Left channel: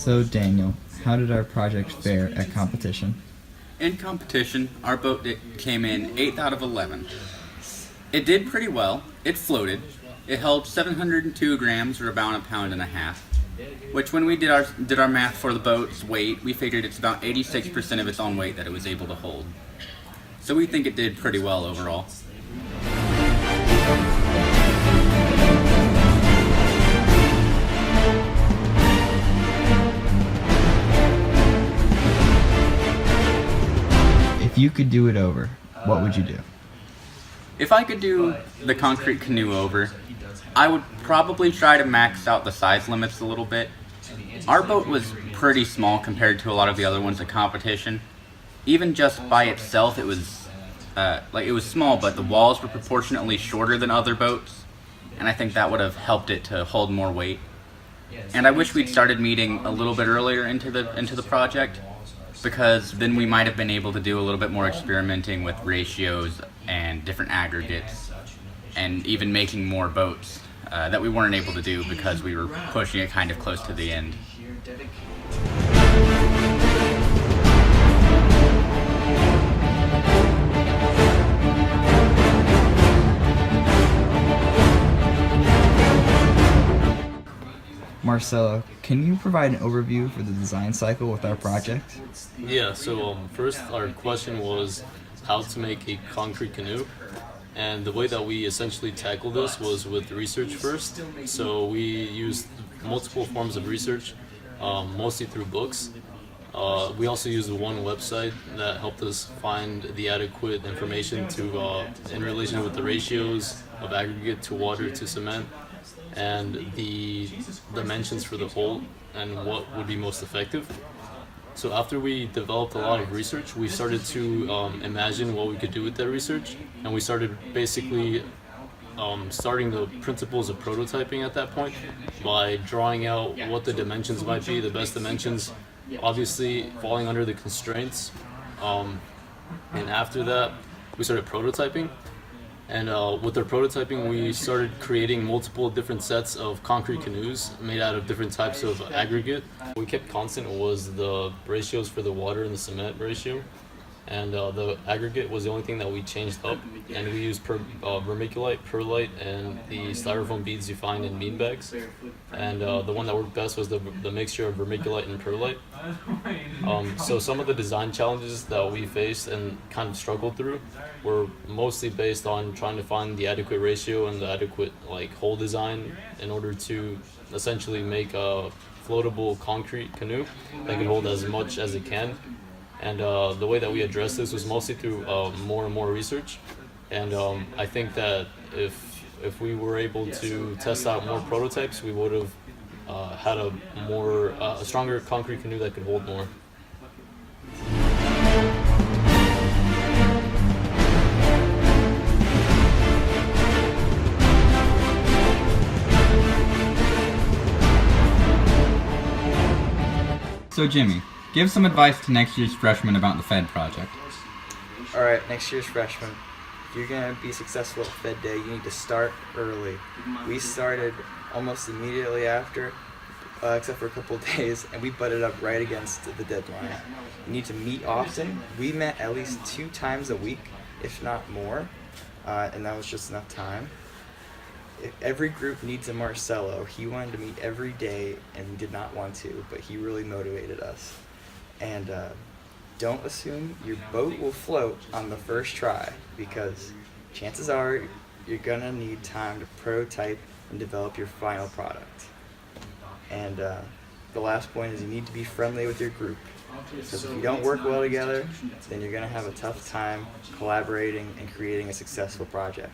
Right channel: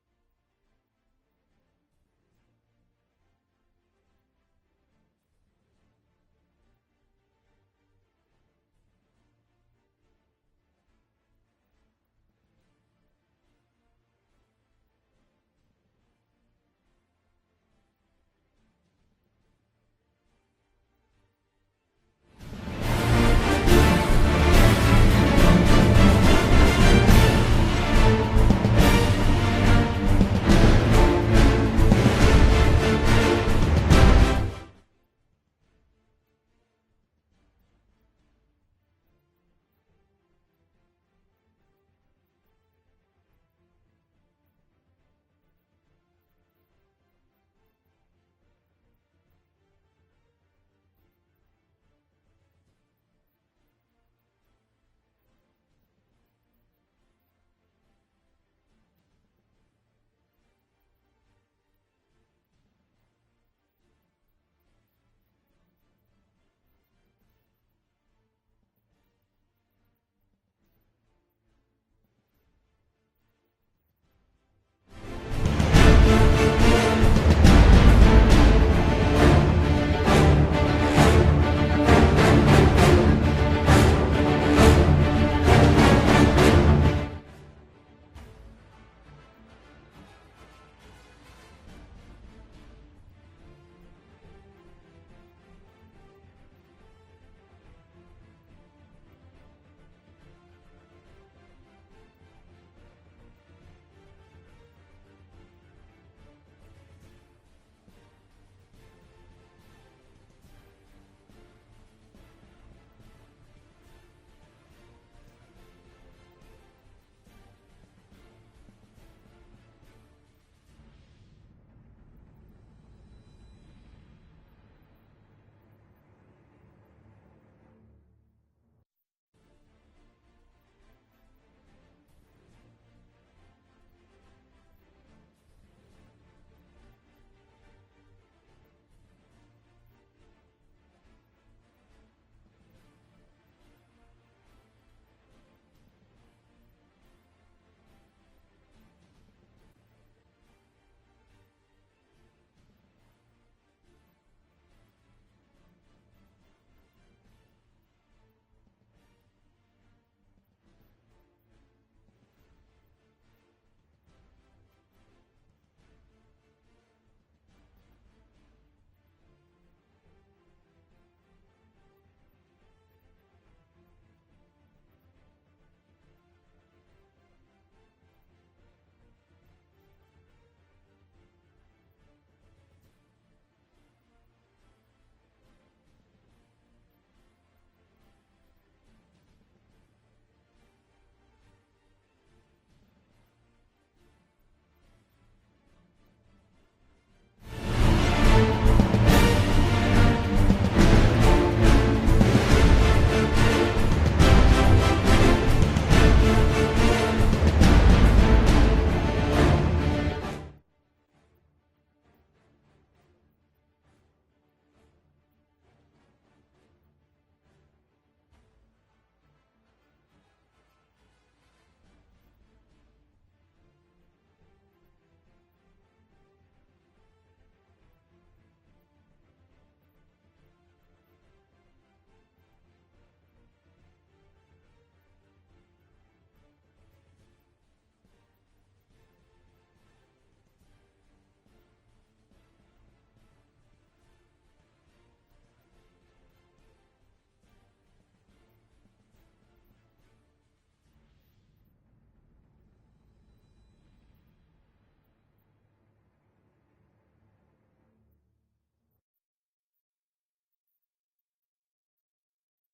So Daniel, how did our project fare at competition? In competition, our boat came in 8th out of 11. It did pretty well. It floated. It held 702 grams, or about a pound and a half, which when we did our math for the boat's weight, we figured it's about 86% of its own weight that it was able to hold. So we think it did pretty well overall. If you could do it over, what would you do? If I could do the concrete canoe over, I would probably try to max out the size limits a little bit. Our boat was pretty small compared to a lot of the other ones at competition. Even just by itself, it was small, but the walls were proportionately shorter than other boats, and I think that would have helped it to hold more weight. And I wish we'd started meeting a little bit earlier into the project, because then we might have been able to do a little bit more experimenting with ratios and different aggregates, and even making more boats that we weren't able to do because we were pushing it kind of close to the end. Marcelo, can you provide an overview for the design cycle with our project? Yeah, so first our question was how to make a concrete canoe. And the way that we essentially tackled this was with research first. So we used multiple forms of research, mostly through books. We also used one website that helped us find the adequate information in relation with the ratios of aggregate to water to cement, and the dimensions for the hull and what would be most effective. So after we developed a lot of research, we started to imagine what we could do with that research, and we started basically starting the principles of prototyping at that point by drawing out what the dimensions might be, the best dimensions, obviously falling under the constraints. And after that, we started prototyping. And with our prototyping, we started creating multiple different sets of concrete canoes made out of different types of aggregate. What we kept constant was the ratios for the water and the cement ratio. And the aggregate was the only thing that we changed up. And we used vermiculite, perlite, and the styrofoam beads you find in bean bags. And the one that worked best was the mixture of vermiculite and perlite. So some of the design challenges that we faced and kind of struggled through were mostly based on trying to find the adequate ratio and the adequate hull design in order to essentially make a floatable concrete canoe that can hold as much as it can. And the way that we addressed this was mostly through more and more research. And I think that if we were able to test out more prototypes, we would have had a stronger concrete canoe that could hold more. So Jimmy, give some advice to next year's freshmen about the Fed project. Alright, next year's freshmen, if you're going to be successful at Fed Day, you need to start early. We started almost immediately after, except for a couple of days, and we butted up right against the deadline. You need to meet often. We met at least 2 times a week, if not more, and that was just enough time. Every group needs a Marcelo. He wanted to meet every day, and we did not want to, but he really motivated us. And don't assume your boat will float on the first try, because chances are you're gonna need time to prototype and develop your final product. And the last point is you need to be friendly with your group, because if you don't work well together, then you're gonna have a tough time collaborating and creating a successful project.